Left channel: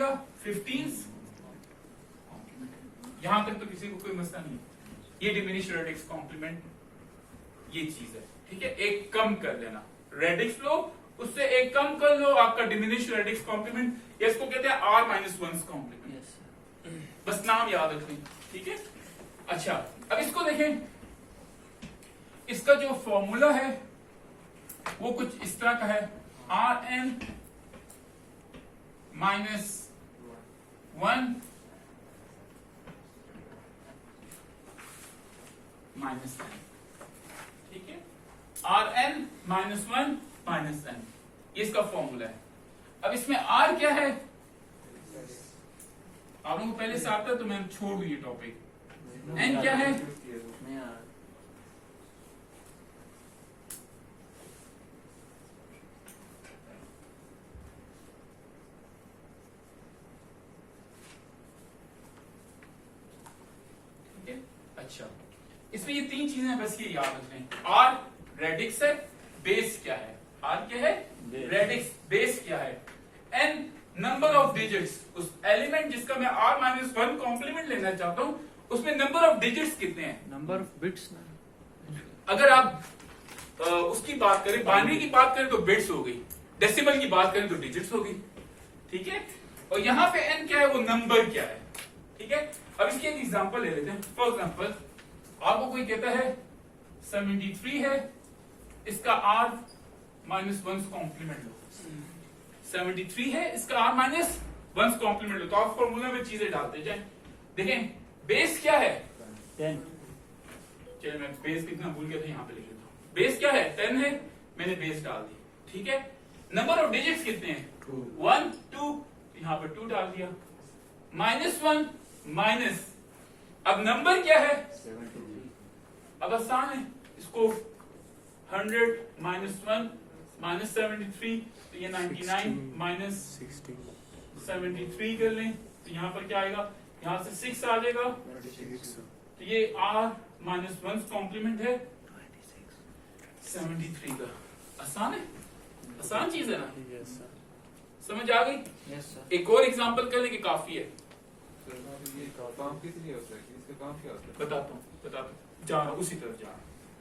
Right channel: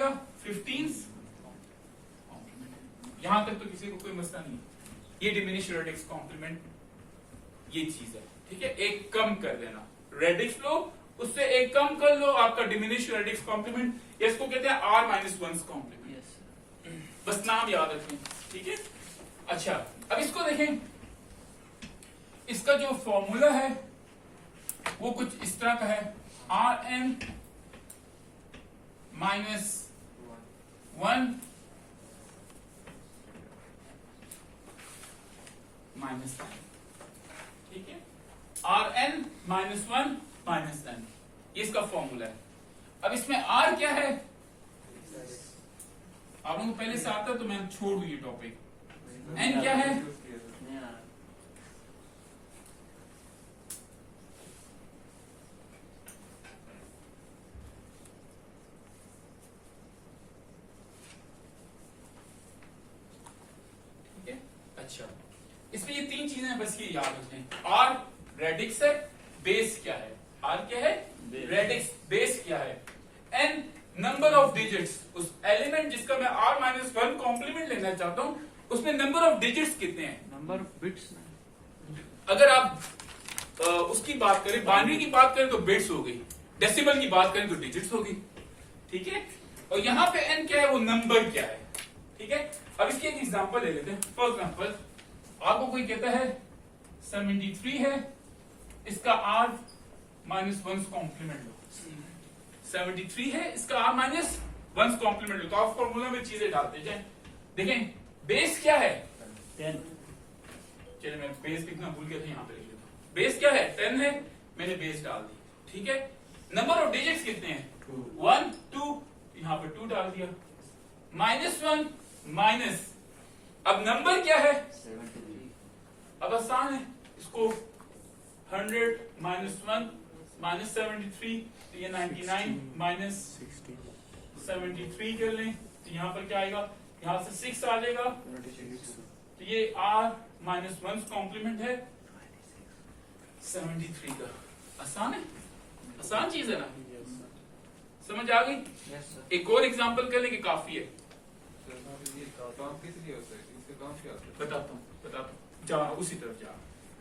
बनेगा 15 यहां तक तो किसी को कोई मसला नहीं। ये डिमिनिश रेडिक्स कॉम्प्लीमेंट ये चीज है, ठीक है। एक कम कर देना, रेडिक्स लो उससे एक कम कर लो, आपका डिमिनिश रेडिक्स कॉम्प्लीमेंट। इसको कहते हैं r माइनस वन कॉम्प्लीमेंट, बस नाम याद रखें, ठीक है। अच्छा अब इसको देखें, इसका जो फॉर्मूला है वो कुछ इस तरह का है, R N minus one minus N, ठीक है। R N minus one minus N, ये इसका फॉर्मूला है। अब इसमें आर क्या है, आप लोगों को पहले से आता है तो मैं छोड़ दूं ये टॉपिक। एन क्या है, अच्छा इसमें ये तीन चीजें बस ये याद रखें। आर रेडिक्स है, बेस क्या है, आर क्या है रेडिक्स, बेस क्या है, एन नंबर ऑफ डिजिट्स, उस एलिमेंट जिसका मैं आर माइनस वन कॉम्प्लीमेंट लेना चाहता हूं उसमें नंबर ऑफ डिजिट्स कितने हैं, नंबर ऑफ बिट्स। अगर आप उसकी बात करें, बाइनरी की बात करें तो बिट्स हो गई, डेसिमल की बात करें तो डिजिट्स हो गई, ठीक है। और यहां पे एन क्या है, वो नंबर क्या है, ठीक है। अब इसकी एक एग्जांपल ले लेते हैं। फॉर एग्जांपल आपको कोई कहता है 73 है, इसका आर माइनस वन कॉम्प्लीमेंट लो, 73 है इसका आर माइनस वन कॉम्प्लीमेंट लो, तो आप फॉर्मूला में चीजें डालते जाए। देखें बेस क्या है 10, चलिए मैं बेस लिखना भूल गया था, यहां पे लिख लेता हूं। बेस क्या है 10 है, मैंने बेस डाल दी, ठीक है। नंबर ऑफ डिजिट्स कितने हैं 1 2, यहां पे 2 डाल दिया, माइनस वन माइनस, अब नंबर क्या है, अब आसान है, इसको 100 माइनस वन माइनस 73, तो ये 99 माइनस 73 कर लें, तो यहां पर क्या आएगा, यहां से 6 आ जाएगा, तो ये r माइनस वन कॉम्प्लीमेंट है 73 का। आसान है, आसान चीज है ना, समझ आ गई। एक और एग्जांपल कर लें कि काफी है, बताता हूँ जा उसी तरफ जा,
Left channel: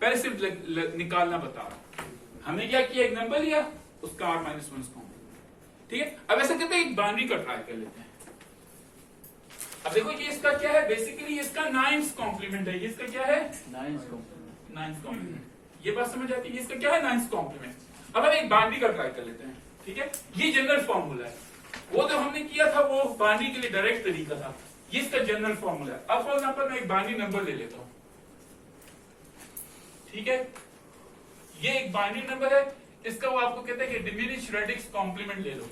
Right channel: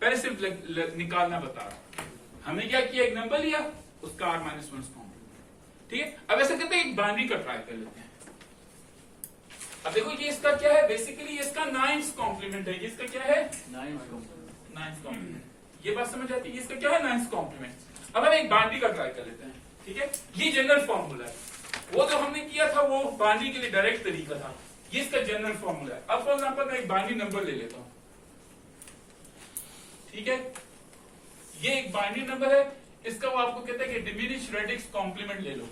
पहले सिर्फ निकालना बता रहा हूं। हमने क्या किया, एक नंबर लिया उसका आर माइनस वन कॉम्प्लीमेंट, ठीक है। अब ऐसा करते हैं एक बाइनरी का ट्राई कर लेते हैं। अब देखो ये इसका क्या है, बेसिकली ये इसका नाइन्थ कॉम्प्लीमेंट है, ये इसका क्या है नाइन्थ कॉम्प्लीमेंट, ये बात समझ आती है, ये इसका क्या है नाइन्थ कॉम्प्लीमेंट। अब हम एक बाइनरी का ट्राई कर लेते हैं, ठीक है। ये जनरल फॉर्मूला है, वो जो हमने किया था वो बाइनरी के लिए डायरेक्ट तरीका था, ये इसका जनरल फॉर्मूला है। अब फॉर एग्जांपल मैं एक बाइनरी नंबर ले लेता हूं, ठीक है। ये एक बाइनरी नंबर है, इसका वो आपको कहता है कि डिमिनिश रेडिक्स कॉम्प्लीमेंट ले लो,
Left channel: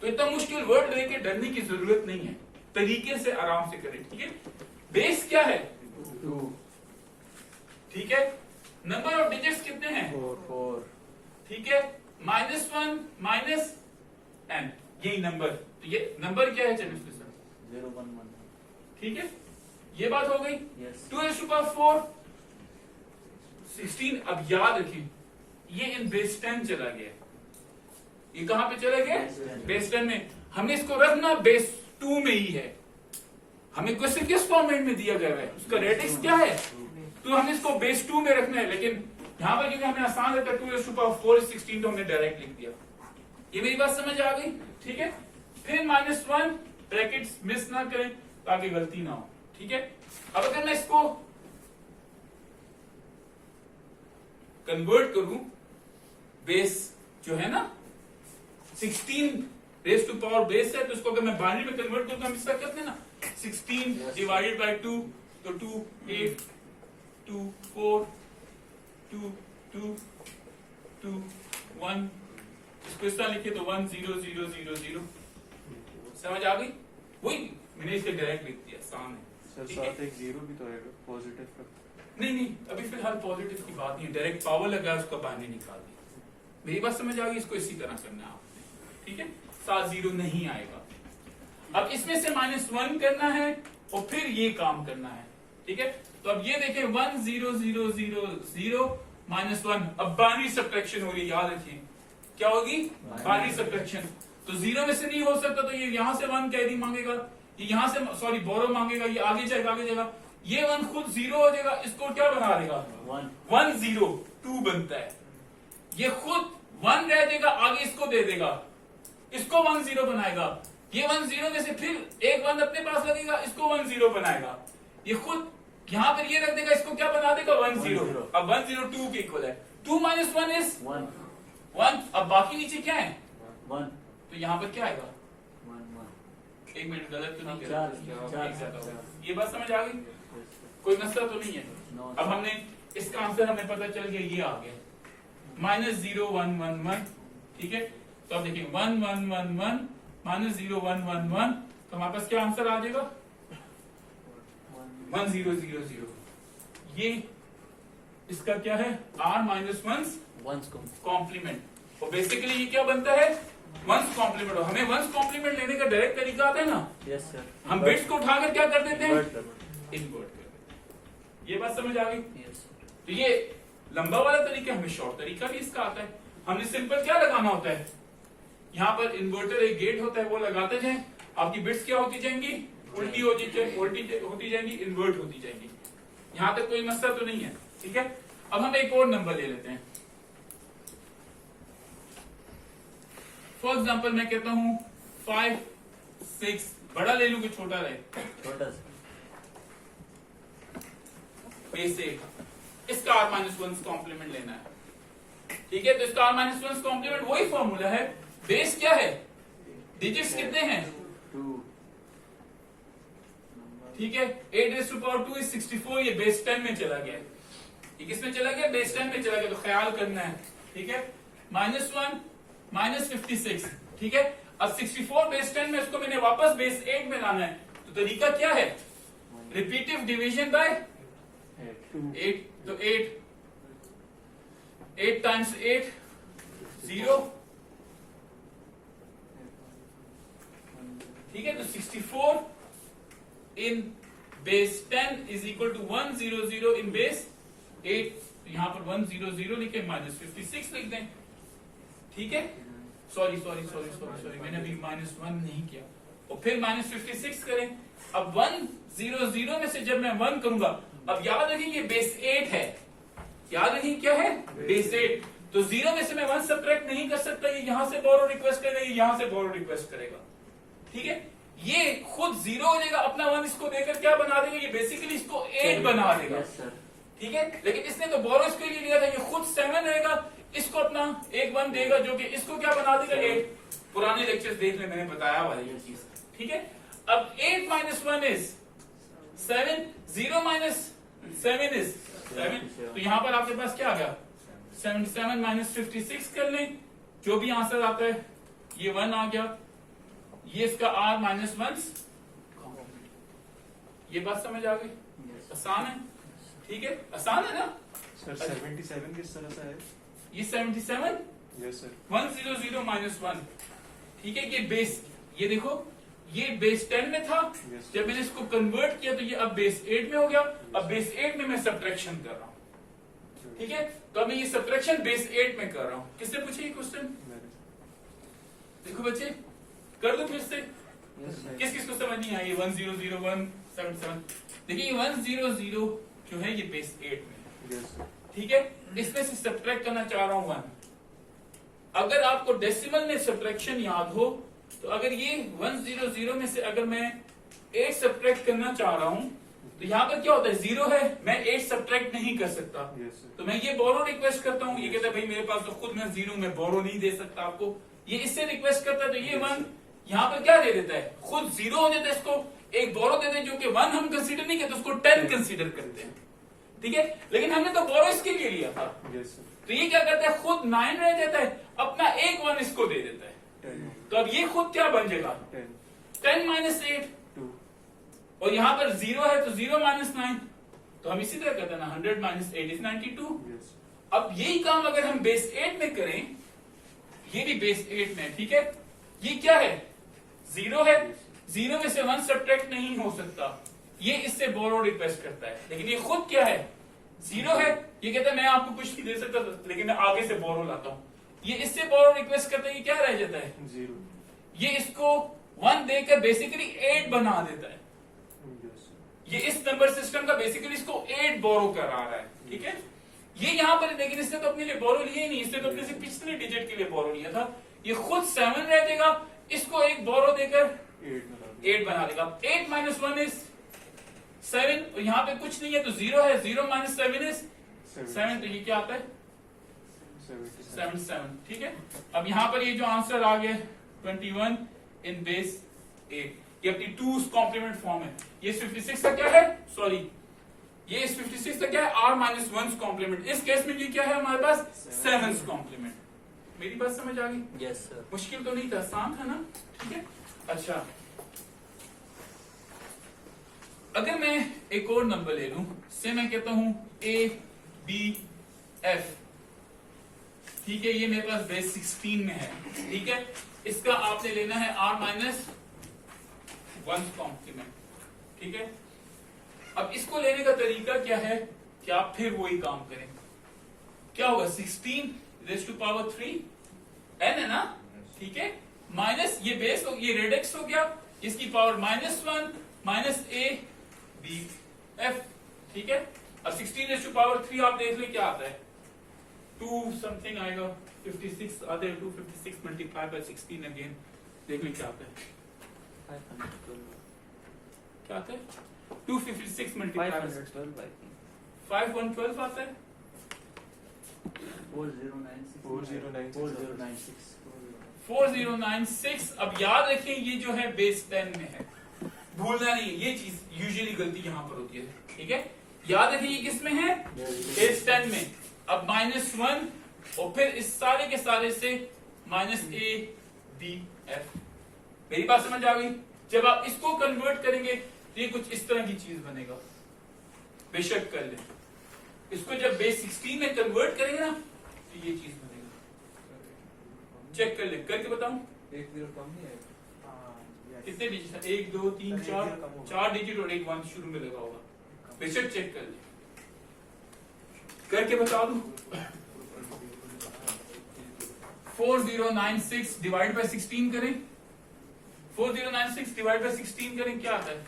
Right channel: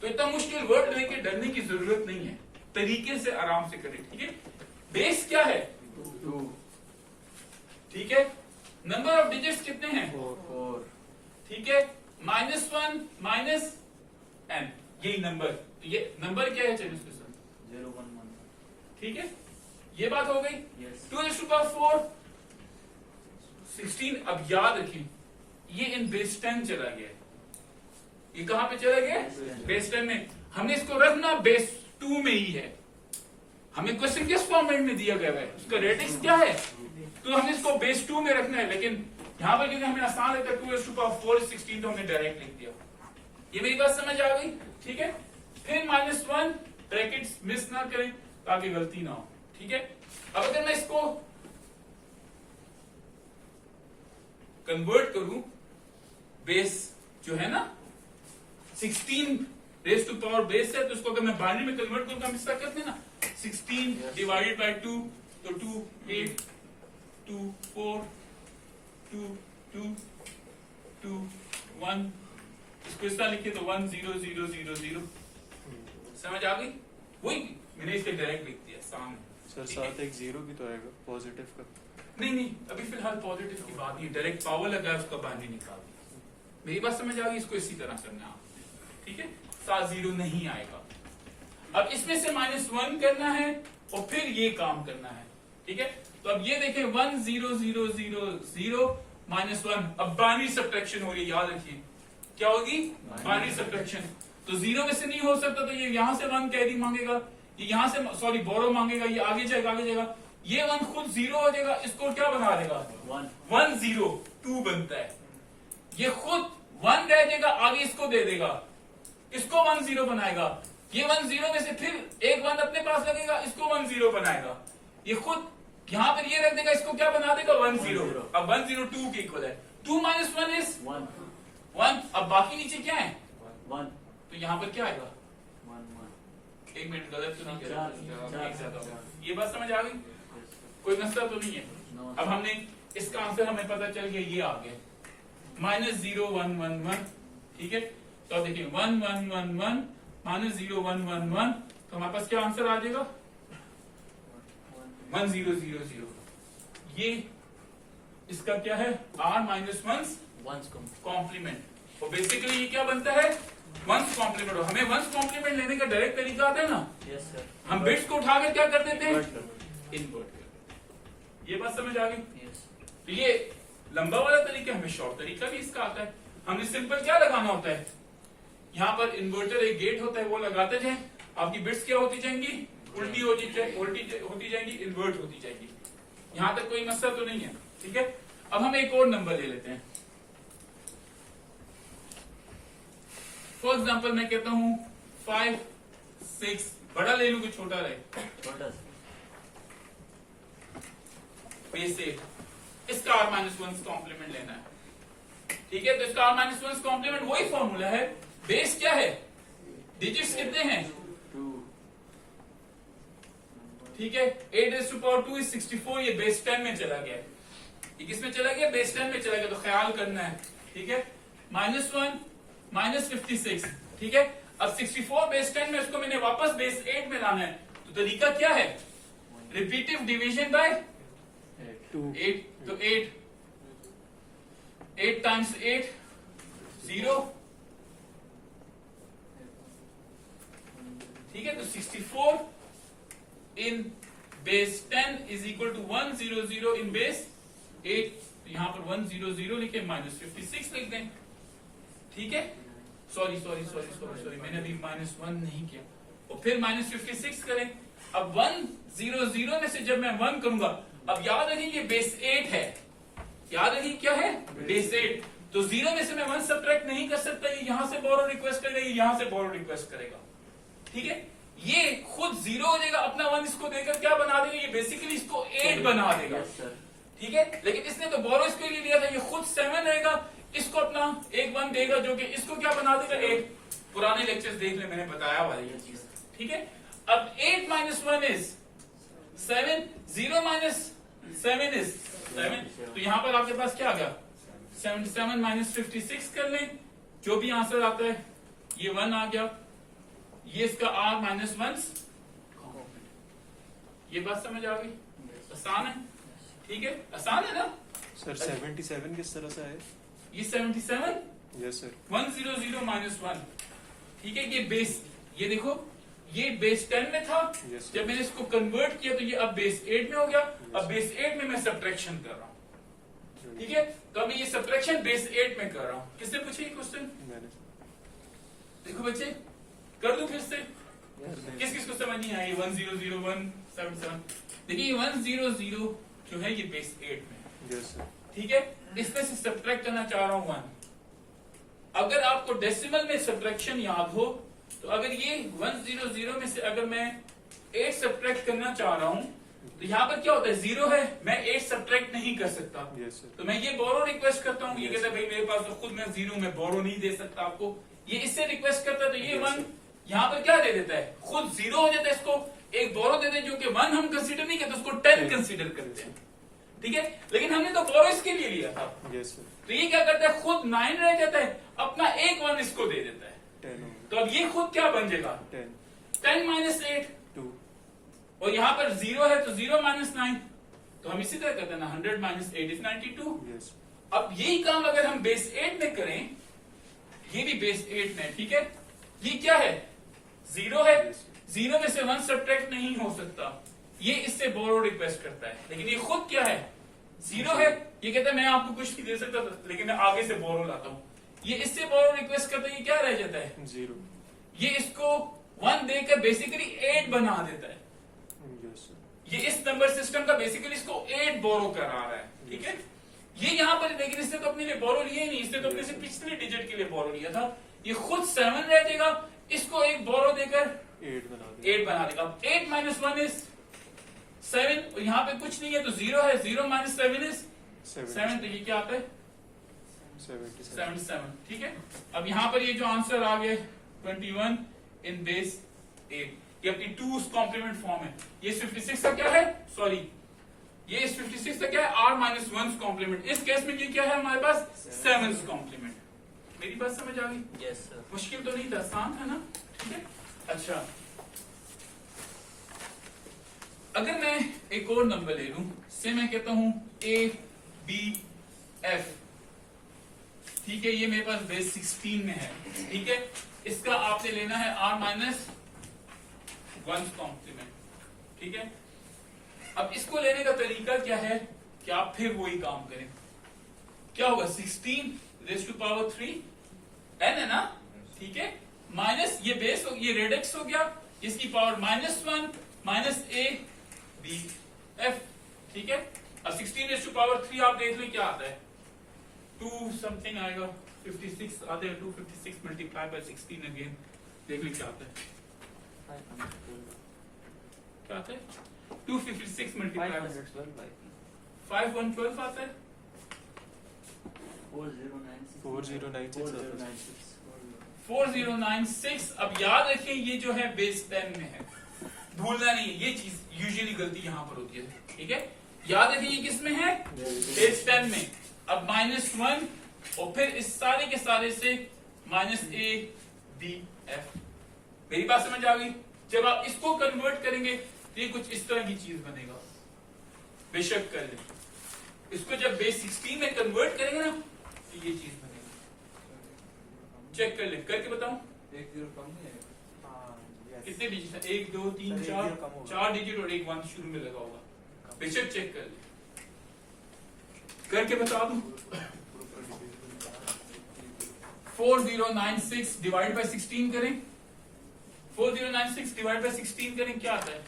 तो इतना मुश्किल वर्ड लेके डरने की जरूरत नहीं है, तरीके से आराम से करें, ठीक है। बेस क्या है 2, ठीक है। नंबर ऑफ डिजिट्स कितने हैं 4, ठीक है। माइनस वन माइनस एन, यही नंबर, तो ये नंबर क्या है, चलिए इसके साथ 0 1 1, ठीक है। ये बात हो गई। Yes. 2 to the power 4 16, अब याद रखें ये इन बेस 10 चला गया, ये कहां पे चला गया बेस 10 में, हमने इसको रखना बेस 2 में ही है, हमें क्वेश्चन किस फॉर्मेट में दिया गया है, उसका रेडिक्स क्या है, तो हमने इसको बेस 2 में रखना है। लेकिन यहां पर क्योंकि हमें आसान रहता है 2 to the power 4 is 16, तो हमने डायरेक्ट लिख दिया। ये मेरी बात समझ आ गई, ठीक है। फिर माइनस वन, ब्रैकेट्स मिस ना करें ताकि गलती ना हो, ठीक है। अब अगर मैं इसको कन्वर्ट करूं, बेस जो है ना 16 रेज टू पावर बेस है, तो उसको अगर मैं बाइनरी में कन्वर्ट करूं तो हम इसका करते हैं ना 16 डिवाइडेड बाय 2, तो 2 8 2 4 2 2 2 1, इसको इस तरह लिखे तो 1 0 0 0 0, समझ आ गई। वही मैंने इसके डायरेक्ट लिख दिया सामने। सर साथ एक 0 भी तो आएगा पॉजिटिव का, नहीं अभी फिलहाल पॉजिटिव की बात नहीं, डायरेक्ट पावर लगा उसका बाइनरी निकाल दिया। मेरी बात समझ आ गई, इसको इसी तरह करना है, ठीक है। साथ 0 नहीं आएगा। अब इसमें से -1 करना है और फिर ये काम करना है, ठीक है। तो अब ये देखें 1 0 0 0 0 -1, अब बाइनरी सब्ट्रैक्शन हो रही है, याद रखिए क्या होगी बाइनरी सब्ट्रैक्शन। तो 0 में से नहीं हो सकता, तो ये यहां से 1 कैरी मांगेगा, ये यहां से सॉरी बोरो मांगेगा, ये आगे जाएगा, ये 1 खुद 0 हो जाएगा, इसको क्या बना देगा 1 0 2 बनता है, ये खुद 1 रह जाएगा, आगे इसको दे देगा, इसको 1 0 बनाएगा, ये 1 0 में से फिर एक 1 अपने पास लगेगा, इसको 1 0 बनाएगा, ये खुद यहां पर ये रख देगा, इसको क्या बना देगा 1 0। अब 1 0 2 के इक्वल है, 2 - 1 इज 1। अब बाकी नीचे क्या है 1 तो यहाँ पर क्या आएगा 1 एक मिनट, गलत तो नहीं कर चार, एक साथ होगा। चार। ये बात समझ आ गई, कोई मसला तो नहीं है। No, अब हमने इसका आंसर हमें पता चल गया, ये आ गया -0 1 1 1, ठीक है। तो अब देखिए 1 1 1 1 -0 1 1 1, तो हमारे पास क्या आंसर आ जाएगा 1 0 0 0। ये इसका क्या है r - 1 कॉम्प्लीमेंट, और बेसिकली ये क्या बनता है 1 कॉम्प्लीमेंट। और हमें 1 कॉम्प्लीमेंट लेने का डायरेक्ट तरीका आता है ना, यस सर, हम बिट्स को उठाकर क्या कर देते हैं Invert इन्वर्ट कर। ये बात समझ आ गई। यस तो ये लंबा वाला तरीका, हमें शॉर्ट तरीका भी इसका आता है। हमने सिंपल क्या लगाना होता है, यहाँ पर इन्वर्टर एक गेट होता है, वो लगाते जाए, आपकी बिट्स क्या होती जाएंगी उल्टी होती जाएंगी, इन्वर्ट होती जाएंगी। यहां तक कोई मसला तो नहीं है, ठीक है। अब हम एक और नंबर ले लेते हैं। फॉर एग्जाम्पल मैं कहता हूं 5 6, बड़ा ले लूं कि छोटा रहे, छोटा सा बेसिक, इसका r - 1 कॉम्प्लीमेंट लेना है, ठीक है। तो इसका r - 1 कॉम्प्लीमेंट वही फॉर्मूला है, बेस क्या है, डिजिट्स कितने हैं 2 ठीक है। 8⁻² इज 64, ये बेस 10 में चला गया, ये किसमें चला गया बेस 10 में चला गया, तो ख्याल करना है, ठीक है। -1 - 56, ठीक है। अब 64 बेस 10 में, उसको मैंने वापस बेस 8 में लाना है, तो तरीका क्या है रिपीटिव डिवीजन बाय 8, तो 8 टाइम्स 8 0, ठीक है। तो 64 in base 10 is equal to 1 0 0 in base 8, तो यहां पर 1 0 0 लिखे, -56 लिख दें, ठीक है। सॉरी मैंने अभी -1 नहीं किया, और फिर -56 करें। अब 1 0 0 में से जब मैं 1 करूंगा, अब याद रखिए ये बेस 8 है, याद रखिए क्या है बेस 8, तो 0 में से मैं 1 सब्ट्रैक्ट नहीं कर सकता, ये यहां से बोरो रिक्वेस्ट करेगा, ये यहां से बोरो रिक्वेस्ट करेगा, ठीक है। ये खुद 0 हो जाएगा, अपना 1 इसको देकर क्या बना देगा, ये बेसिकली इसको 8 बना देगा, यस सर, ठीक है। लेकिन इसने तो बोरो इसके लिए लिया था, ये खुद 7 रहेगा, इसको अपना एक 1 देगा, जो कि इसको क्या बना देगा 8। पुराने लेक्चर्स देख ले, मैंने बताया हुआ है ये चीज, ठीक है। अब 8 - 1 इज 7, 0 - 7 इज 7, तो यहां पर आपके पास क्या आ गया 77 - 56 कर लें, जो भी आंसर आता है ये 1 आ गया, ये इसका r - 1, ये बात समझ आ गई, आसान है, ठीक है, आसान है ना सर 77 किस तरह से है? ये 77 यस सर, 1 0 0 - 1, ठीक है। ये बेस, ये देखो ये बेस 10 में था, Yes, sir. जब मैंने इसको कन्वर्ट किया तो ये अब बेस 8 में हो गया, अब बेस 8 में मैं सब्ट्रैक्शन कर रहा हूं, ठीक है। तो अब मैं ये सब्ट्रैक्शन बेस 8 में कर रहा हूं। किसने पूछे ये क्वेश्चन, देखो बच्चे कर दो फिर से, किस किस को समझ नहीं आई 1 0 0 1 7 7, देखिए ये 1 0 0 जो है ये बेस 8 में, यस सर, ठीक है। इसमें से सब्ट्रैक्ट करना चाह रहा हूं 1। अगर आपको डेसिमल में सब्ट्रैक्शन याद हो, तो अगर ये 1 0 0 में से अगर मैं 8 सब्ट्रैक्ट करना चाह रहा हूं, तो यहाँ पर क्या होता है 0 है, मैं 8 सब्ट्रैक्ट नहीं कर सकता, यस सर, तो मैं ये बोरो रिक्वेस्ट करता हूँ, ये Yes. कहता है भाई मेरे पास तो खुद मैं 0 में बोरो नहीं दे सकता आपको, ये इससे रिक्वेस्ट करता है, तो ये Yes, 1 sir. यहाँ पर क्या दे देता है, खुद 0 हो जाता है, इसको एक बोरो देते हैं, जो कि 1 हम कंसीडर नहीं करते, उसको 10 कंसीडर करते हैं, ठीक है। लेकिन हमने तो बोरो इसके लिए लिया था, यस सर, तो ये क्या करता है खुद 9 रह जाता है, अपना एक 1 इसको दे देता है, 10 तो अब ये खुद क्या बन जाएगा 10 - 8, 2, और यहाँ पर 0 है तो 0 - 9, तो हम इसी तरह कहते हैं ना 100 - 8 इज 92। यस, अब यही काम अगर हम बेस 8 में करें, ये भी बेस 8 में, ठीक है। ये क्या है 0 है, 0 में से 1 सब्ट्रैक्ट नहीं हो सकता, ये इससे बोरो रिक्वेस्ट करता है, लेकिन ये खुद क्या है 0 है, ये कहता है मैं आपको कुछ नहीं दे सकता, लेकिन मैं आगे से बोरो लाता हूं, ये इससे बोरो रिक्वेस्ट करता है, ये क्या रह जाता है 0, ये इसको 1 देकर बेसिकली 8 बना देता है। Yes sir. ये इस नंबर सिस्टम का बेसिकली इसको 8 बोरो करा रहा है, ठीक है। ये यहां पर लेकिन इसने तो अपने लिए बोरो लिया ही नहीं, इसने तो अपने से पिछले डिजिट के लिए बोरो लिया था। ये खुद 7 रह जाएगा, इसको एक बोरो देकर 8 बना दो। 8 बना देगा। 8 माइनस 1 इज 7, और यहाँ पे कुछ नहीं है तो 0 है। 0 माइनस 7 इज 7, तो ये क्या आता है 77, ठीक है। अब यहाँ पर ये जो आंसर आ गया 21 इन बेस 8, ये अपनी 2's कॉम्प्लीमेंट फॉर्म है। ये 56 का क्या है, सॉरी ये इस 56 का क्या है, r माइनस 1's कॉम्प्लीमेंट। इस केस में ये क्या है हमारे पास 7's कॉम्प्लीमेंट। मेरी बात समझ आ गई? Yes sir. मुश्किल तो नहीं था, आसान था ना, ठीक है। अच्छा, अगर मैं एक और नंबर ले लूं, से मैं कहता हूं ABF, ठीक है। ये मेरे पास बेस 16 में है, ठीक है। इसका आपने लेना है r माइनस 1's कॉम्प्लीमेंट, ठीक है। अब इसको लेने का तरीका क्या है कि आप फिर वही काम करें। क्या होगा 16 रेज़ टू पावर 3 n है ना, ठीक है। माइनस ये बेस हो, ये रेडिक्स हो गया, इसकी पावर -1 माइनस ABF, ठीक है। अब 16 रेज़ टू पावर 3 आप देख लो क्या आता है, 2 समथिंग आएगा, 56 आते हैं। 256 मल्टीप्लाई बाय 16 अगेन, देख लो क्या आता है, क्या आता है 256 मल्टीप्लाई 5112 आता है। 4096। अब याद रखिए ये जो है बेस 10 में है, भूलना नहीं, ये चीज यूजुअली गलती यहां पर होती है, ठीक है। याद रखिए ये किस में है, बेस 10 में। अब -1 और फिर इस सारे के सारे से -ABF। मेरी बात समझ आ गई? जब आप इसको कन्वर्ट करेंगे तो ये कुछ इस तरह की चीज बनेगा, बेशक कर ले। इसको जब बेस 16 में कन्वर्ट करेंगे ना तो ये चीज बनेगी, चेक कर ले, करके बताऊं। 1 0 कम नहीं है, कितने डिजिट है, 1 2 3 4 डिजिट और एक 1 शुरू में लगा होगा, बेशक चेक कर ले, करके बता दूं। 4096 डिवाइड बाय 16 करें, 4096 डिवाइड बाय 16 करें, क्या आता है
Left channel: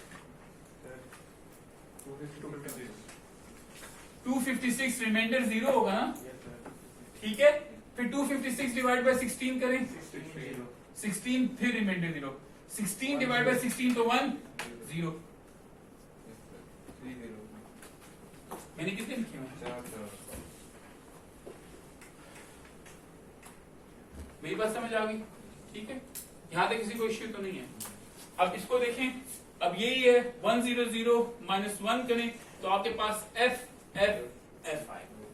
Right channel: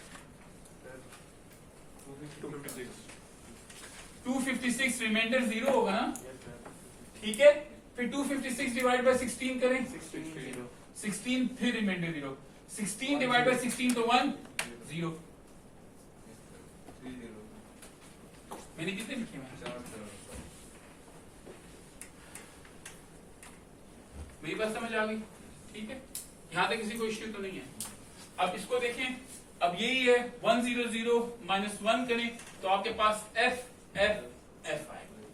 256। रिमाइंडर 0 होगा ना, ठीक है। फिर 256 डिवाइड बाय 16 करें, 16 फिर रिमाइंडर 0। 16 डिवाइड बाय 16 तो 1 0। मैंने कितने लिखे हैं, मेरी बात समझ आ गई, ठीक है। यहां तक किसी को इश्यू तो नहीं है। अब इसको देखें, अब यही है 100 माइनस 1 करें तो आपके पास F F आएगा,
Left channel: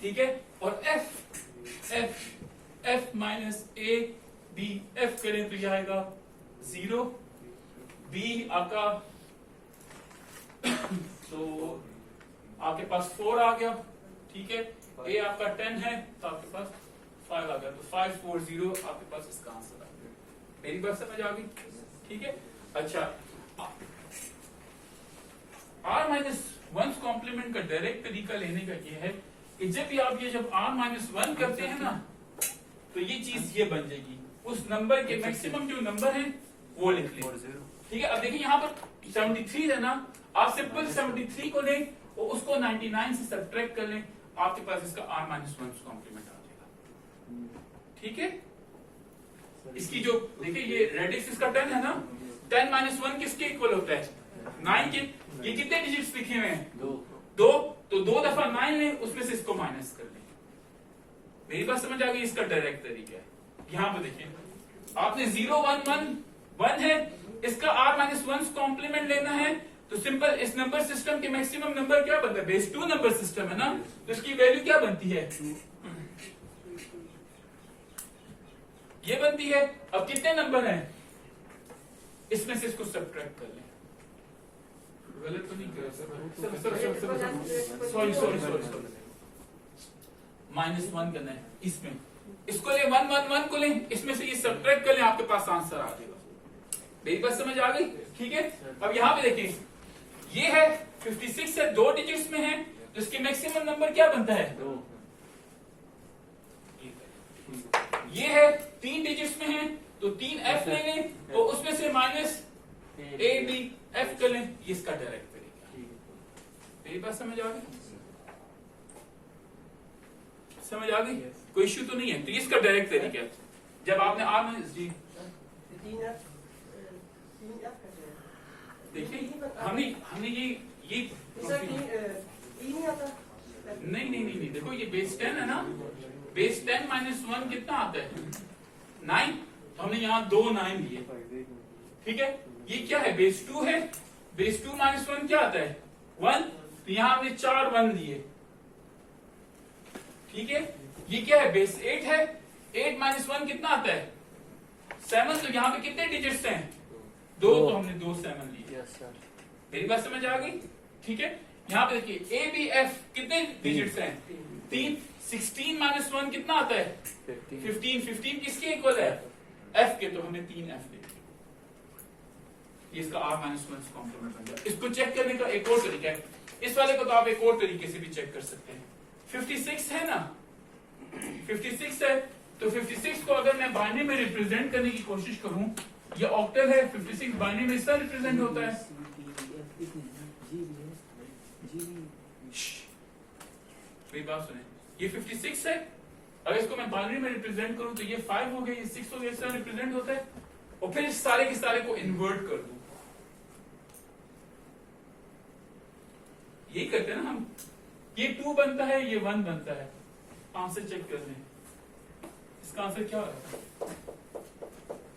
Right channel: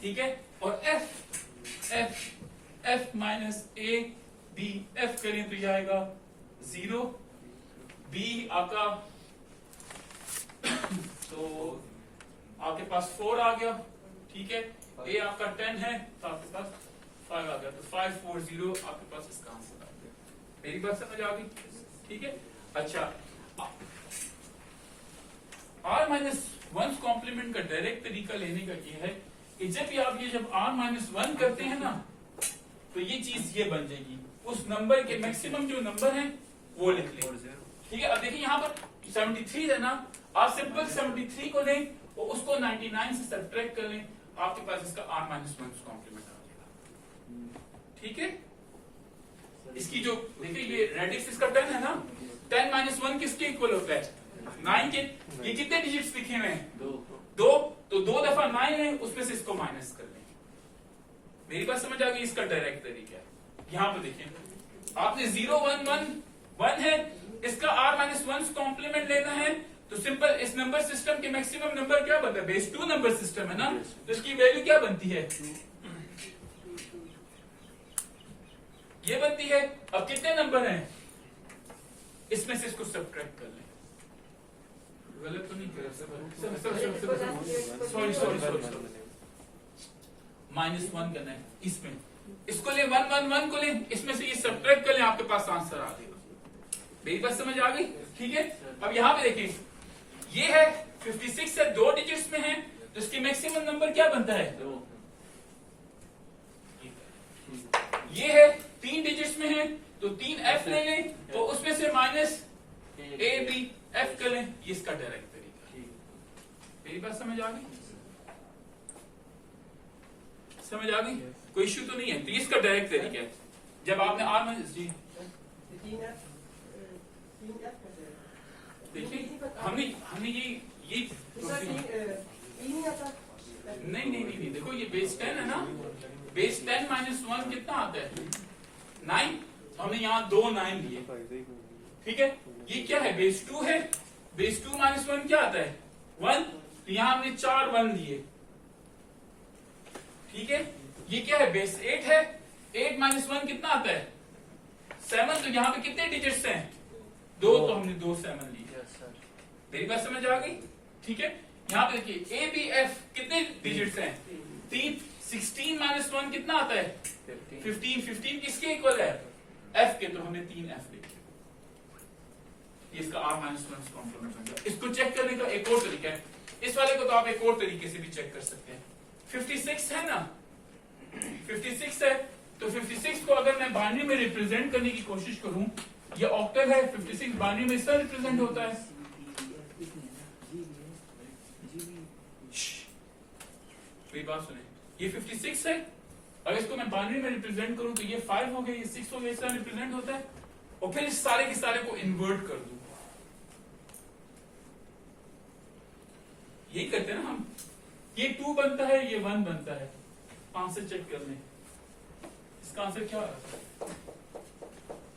ठीक है। और F माइनस ABF करें तो यह आएगा 0। B आपका तो आपके पास 4 आ गया, ठीक है। A आपका 10 है तो आपके पास 5 आ गया, तो 540 आपके पास इसका आंसर आ गया। मेरी बात समझ आ गई, ठीक है। अच्छा, r माइनस 1 कॉम्प्लीमेंट का डायरेक्ट तरीका लेने का ये है कि जब r माइनस 1 करते हैं ना तो ये चीज ये बन जाएगी, उस नंबर के मैक्सिमम जो नंबर है वो लिख लें, ठीक है। अब देखिए यहाँ पर 73 है ना, आप सिंपल 73 को लें और उसको 99 से सब्ट्रैक्ट कर लें, आपके पास इसका r माइनस 1 कॉम्प्लीमेंट आ जाएगा, ठीक है। इसकी जो देखिए ये रेडिक्स इसका 10 है ना, 10 माइनस 1 किसके इक्वल होता है 9 के। ये कितने डिजिट्स लिखे हुए हैं 2, तो 2 दफा 9 लें, उसमें से इसको माइनस कर लें। मेरी बात समझ आ गई? इसका डायरेक्ट तरीका है। यहां पर देखिए आपने 0 1 1 1 है, इसका r माइनस 1 कॉम्प्लीमेंट लेना है तो सिंपल इस नंबर सिस्टम के मैक्सिमम नंबर क्या बनता है, बेस 2 नंबर सिस्टम है ना, तो इसकी वैल्यू क्या बनती है, ये बनती है। अब कितने नंबर हैं, इसमें से इसको सब्ट्रैक्ट कर लें। गलत तो नहीं कर, सॉरी -1 करना है इसमें, इसको ले 1 1 1 को ले, इसमें से ये सब्ट्रैक्ट कर ले, आपके पास आंसर आ जाएगा। मेरी बात समझ आ गई, ठीक है। अब यहां पे देखिए ये है 56 है, 2 डिजिट्स में है, तो इसकी मैक्सिमम नंबर क्या बनता है 2। ये है 3 डिजिट्स में है, तो तो 3f ले लें तो उसमें से माइनस ए बी एफ कर लें, ये इसका डायरेक्ट तरीका है। मेरी बात समझ आ गई? समझ आ गई? कोई इश्यू तो नहीं है। तो ये इसका डायरेक्ट तरीका है। जब आपने आर में जी देखिए हमने ये नहीं देखो ये बेस 10 है ना, बेस 10 माइनस 1 कितना आता है 9, तो हमने यहाँ 2 9 लिए, ठीक है। ये क्या है बेस 2 है, बेस 2 माइनस 1 क्या आता है 1, तो यहाँ हमने 4 1 लिए, ठीक है। ये क्या है बेस 8 है, 8 माइनस 1 कितना आता है 7, तो यहाँ पे कितने डिजिट्स हैं 2, तो हमने 2 7 लिए। मेरी बात समझ आ गई? ठीक है। यहाँ पे देखिए ए बी एफ कितने डिजिट्स हैं 3, 16 माइनस 1 कितना आता है 15, 15 किसके इक्वल है एफ के, तो हमें 3 एफ दे, इसका आर माइनस 1 कॉम्प्लीमेंट बन गया। इसको चेक करने का एक और तरीका है, इस वाले को तो आप एक और तरीके से भी चेक कर सकते हैं। 56 है ना, 56 है, तो 56 को अगर मैं बाइनरी में रिप्रेजेंट करने की कोशिश करूं, ये ऑक्टल है, 56 बाइनरी में इसका रिप्रेजेंट होता है। मेरी बात सुने, ये 56 है, अगर इसको मैं बाइनरी में रिप्रेजेंट करूं तो ये 5 हो गया, ये 6 हो गया, इसका रिप्रेजेंट होता है। और फिर इस सारे के सारे को इन्वर्ट कर दूं, यही करते हैं ना हम, ये 2 बनता है, ये 1 बनता है। आंसर चेक कर लें, इसका आंसर क्या है,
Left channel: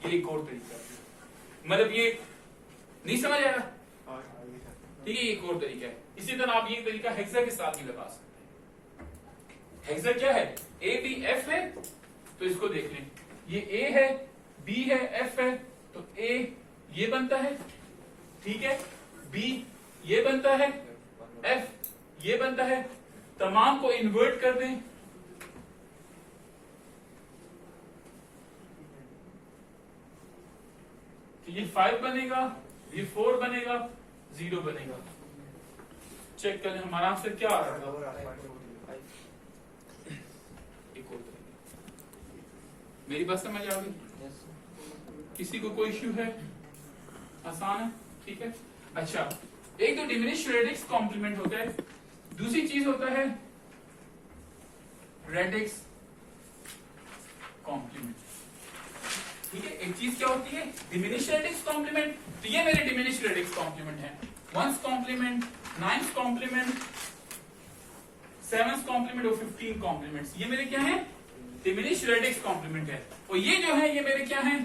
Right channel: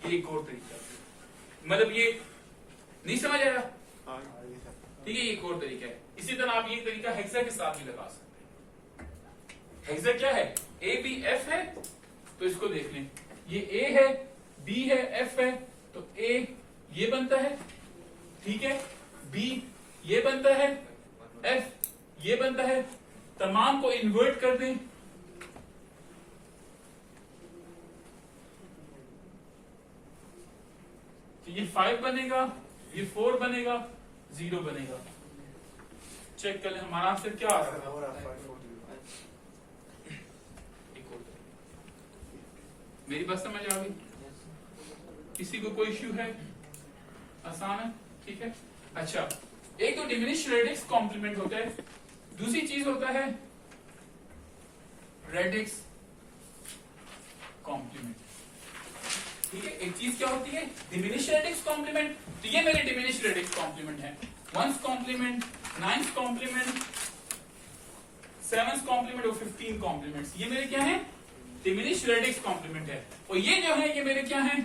ये एक और तरीका, मतलब ये नहीं समझ आया, ठीक है, ये एक और तरीका है। इसी तरह आप ये तरीका हेक्सा के साथ भी लगा सकते हैं। हेक्सा क्या है, ए बी एफ है, तो इसको देख लें, ये ए है, बी है, एफ है, तो ए ये बनता है, ठीक है, बी ये बनता है, एफ ये बनता है, तमाम को इन्वर्ट कर दें, तो ये 5 बनेगा, ये 4 बनेगा, 0 बनेगा। चेक करें हमारा आंसर क्या आ रहा था। मेरी बात समझ आ गई? किसी को कोई इश्यू है? आसान है, ठीक है। अच्छा, एक तो डिमिनिश रेडिक्स कॉम्प्लीमेंट होता है, दूसरी चीज होता है रेडिक्स कॉम्प्लीमेंट, ठीक है। एक चीज क्या होती है डिमिनिश रेडिक्स कॉम्प्लीमेंट, तो ये मेरे डिमिनिश रेडिक्स कॉम्प्लीमेंट है, 1's complement, 9's complement, 7's complement और 15 कॉम्प्लीमेंट्स, ये मेरे क्या है डिमिनिश रेडिक्स कॉम्प्लीमेंट है। और ये जो है ये मेरे क्या है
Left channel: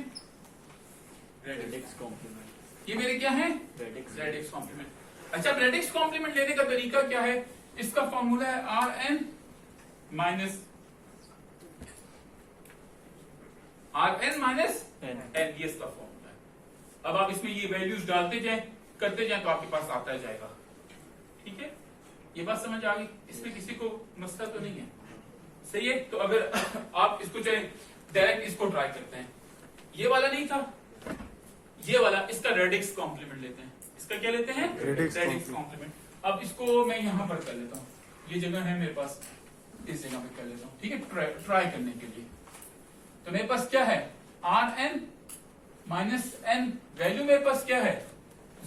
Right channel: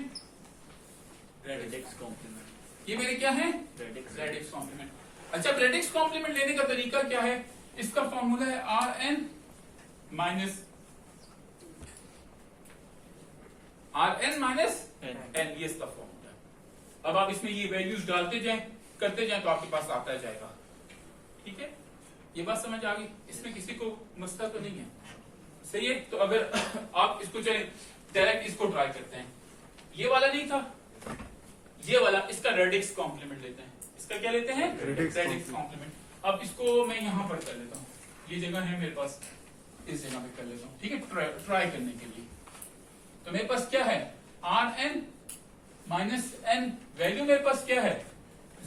रेडिक्स कॉम्प्लीमेंट, ये मेरे क्या है रेडिक्स कॉम्प्लीमेंट। अच्छा, रेडिक्स कॉम्प्लीमेंट लेने का तरीका क्या है, इसका फॉर्मूला है आर एन माइनस एन, ये इसका फॉर्मूला है। अब आप इसमें ये वैल्यूज डालते जाएं, करते जाएं, तो आपके पास आता जाएगा, ठीक है। ये बात समझ आ गई? इसमें किसी को मसला तो नहीं है, सही है। तो अगर आप इसको चलें डायरेक्ट इसको ट्राई करते हैं, ये वाला नहीं था, ये वाला, इसका रेडिक्स कॉम्प्लीमेंट लेते हैं, इसका क्या लेते हैं रेडिक्स कॉम्प्लीमेंट। अब इसको मैं यहां पर कर लेता हूं, ये जगह है मेरे पास, इस जगह पे कर लेता हूं, ठीक है, ट्राई करने के लिए। तो मेरे पास क्या है R N minus N, value मेरे पास क्या है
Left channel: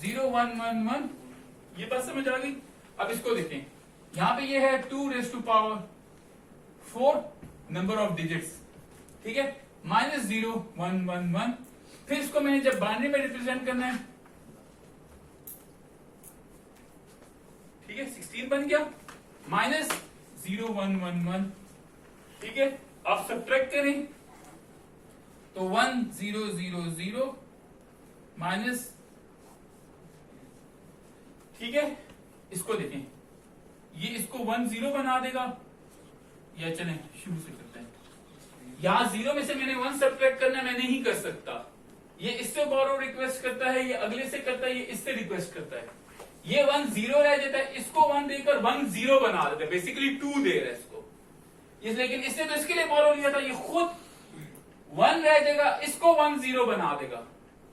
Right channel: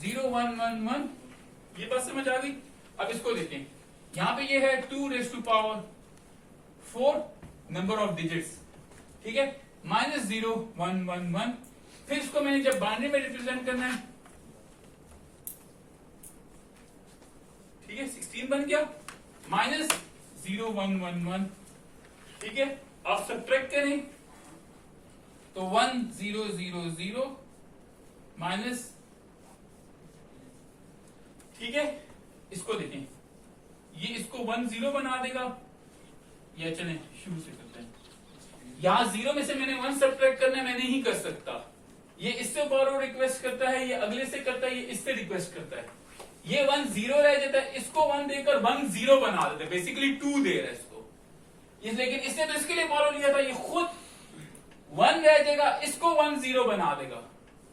0 1 1 1, ये बात समझ आ गई। अब इसको देखें, यहां पे ये है 2 raised to power 4 number of digits, ठीक है, माइनस 0 1 1 1, फिर इसको मैंने जब बाइनरी में रिप्रेजेंट करना है, ठीक है, 16 बन गया, माइनस 0 1 1 1, ठीक है। आप सब्ट्रैक्ट करें तो 1 0 0 0 माइनस, ठीक है। इसको देखें, ये इसको 1 0 बना देगा, या चलें शुरू से करते हैं। यहां 0 में से मैंने 1 सब्ट्रैक्ट करना है, मैं नहीं कर सकता, ये इससे बारो रिक्वेस्ट करता है, ये अगले से करता है, ये इससे रिक्वेस्ट करता है, ये 1 0 रह जाता है, इसको 1 देकर 1 0 बना देता है, बेसिकली 2 दे रहा है इसको। लेकिन इसने तो इसके लिए बारो लिया था, ये खुद 1 रह जाएगा, इसको 1 0 बना देगा,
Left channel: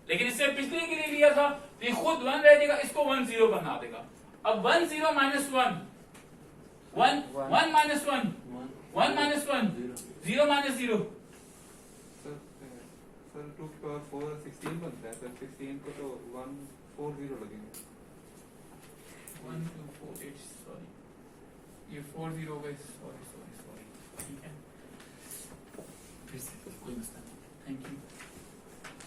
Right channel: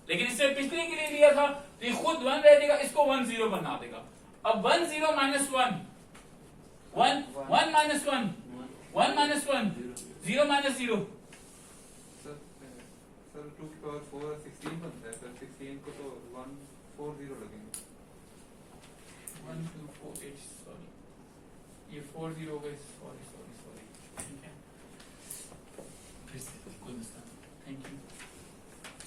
लेकिन इससे पिछले के लिए लिया था, तो ये खुद 1 रह जाएगा, इसको 1 0 बना देगा। अब 1 0 minus 1 1 1 minus 1 1 minus 1 0 minus 0, sir 2 की पावर 4 16 बनता है, सर 16 को तो 140 लगेंगे। 1 2 4 8 सॉरी ये 40 हो गए, सॉरी सॉरी सॉरी, ठीक है फिर से कोई मसला नहीं, थैंक यू।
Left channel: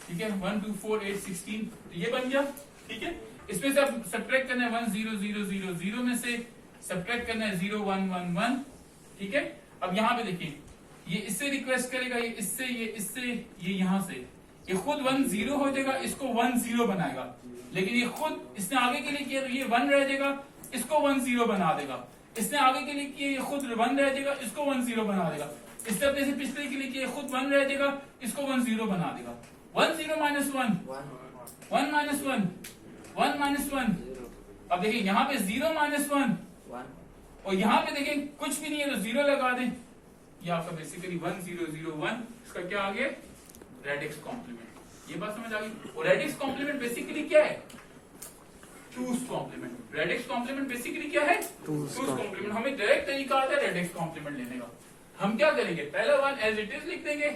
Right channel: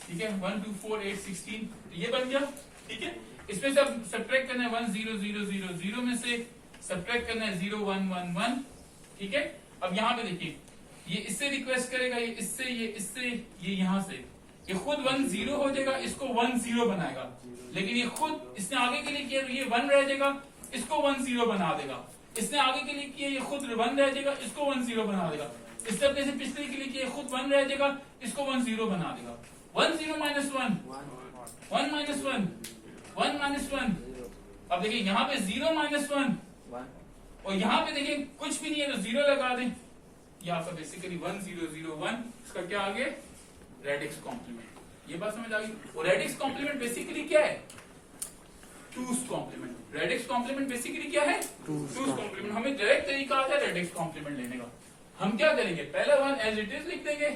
ठीक है 1 2 4 8 16 ये बन गया, ठीक है। इसमें से अब सब्ट्रैक्ट करना है 1 0 0 0 0 में से सब्ट्रैक्ट करना है 0 1 1 1, ठीक है। अब यहाँ पे देखिए ये इससे रिक्वेस्ट करेगा, ये इससे, ये इससे, ये यहाँ से, ये खुद 1 0 हो जाएगा, इसको 1 0 बनाएगा, लेकिन ये खुद इसने आगे के लिए किया तो ये 1 रह जाएगा, इसको 1 0 बना देगा। इसने आगे के लिए किया, ये खुद 1 रह जाएगा, इसको 1 0 बना देगा। इसने अपने से पिछले के लिए किया, खुद 1 रह जाएगा, इसको 1 0 बना देगा। 1 0 minus 1 1 minus 1 1 minus 1। अब देखिए यहाँ पे 0 minus 1 और यहाँ पे देखिए कुछ भी नहीं है तो 0 लगा दें, ये आपका बेसिकली 1 0 0 1, इसका क्या आ गया रेडिक्स कॉम्प्लीमेंट। ये बात समझ आ गई। और रेडिक्स कॉम्प्लीमेंट बेसिकली क्या है, 2's complement. Radix complement basically क्या है, 2's कॉम्प्लीमेंट। हमें डायरेक्ट तरीका आता है रेडिक्स कॉम्प्लीमेंट लेने का। हम क्या करेंगे, पहला 1 एज इट इज लिख देंगे,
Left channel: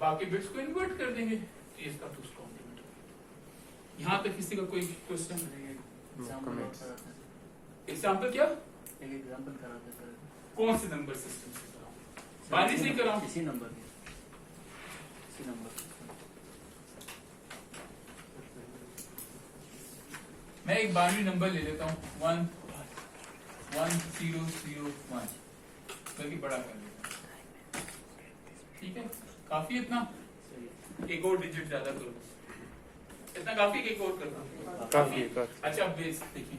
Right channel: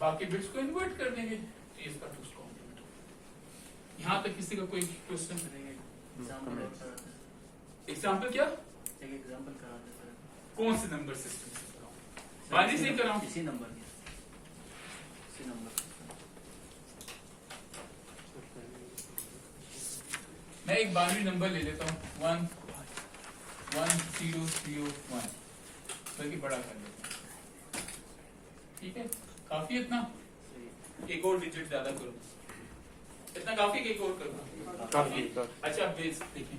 बाकी बिट्स को इन्वर्ट कर देंगे, तो इसका 2's कॉम्प्लीमेंट। यहाँ तक किसी का कोई क्वेश्चन? एग्जाम्पल क्या, एक एग्जांपल कराते सर। कौन से नंबर सिस्टम से कराऊं, बाजी से कराऊं? इसी नंबर इसी नंबर मैं एक बाइनरी नंबर ले लेता हूँ 1 1 0 0 1, बल्कि बड़ा कर लेता हूँ, ठीक है। काफी इतना, एक और डिजिट ज्यादा करो, इतना काफी, एक और करना काफी। अच्छा बेस देखिए,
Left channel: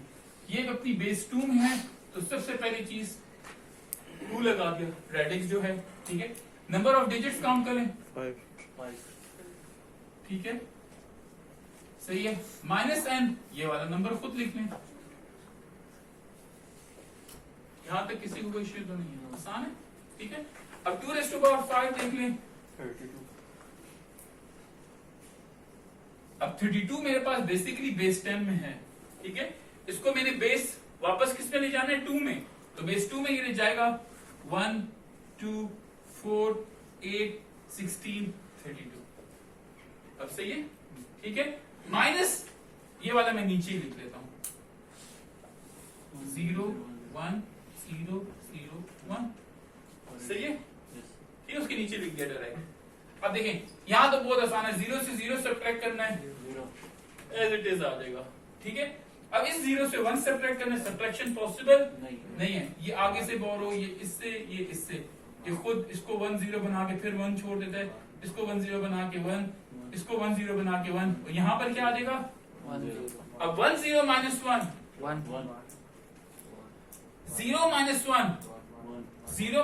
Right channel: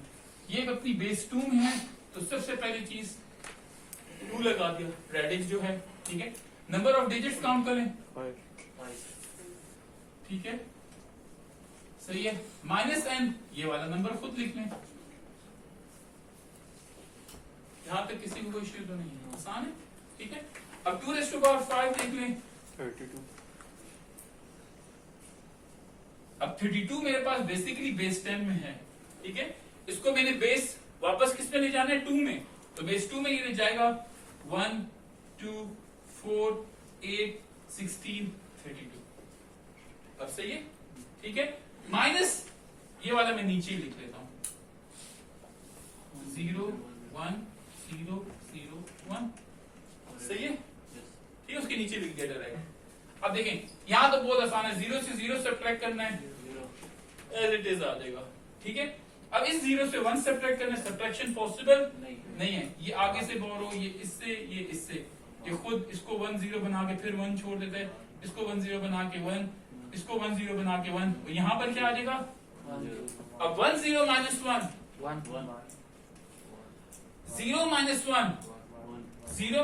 ये अपनी बेस 2 में है, तो सबसे पहली चीज 2 लगा दिया, रेडिक्स जो है, ठीक है। नंबर ऑफ डिजिट्स काउंट करें, 5 ठीक है, सही है। -n ये वाला नंबर खुद लिख लें, यहां तक किसी को कोई इश्यू तो नहीं है, आसान है, ठीक है। अब 2 raised to power 5 देख लें, 32। अब 32 मेरे पास बेसिकली बेस 10 में है, ठीक है। इसको मैंने बेस वापस किस में ले जाना है, 2 में, तो बेस 2 में ये ले जाएगा 1 2 4 8 16 32। अब सही है, ठीक है। माइनस ये वाला मैं नीचे ही लिख लेता हूं, 0 1 0 0 1, सही है, ये उसके नीचे लिख दिया डायरेक्ट। अब देखें यहां तो बहुत आसान है, 0 से 0 सब्ट्रैक्ट करना है, एज इट इज आ जाएगा, ठीक है। अब इस 0 से 1 सब्ट्रैक्ट करना है, सब्ट्रैक्शन पॉसिबल नहीं है, ये आगे से बोरो, ये इससे, ये इससे, ये खुद इसको 1 0 बना के फिर 1 छोड़ देता है, इसको 1 0 बना के 1, इसको 1 0 बना के 1, यहां पर क्या आ जाएगा, अब 1 0 minus 1 1 1 0 minus 1 0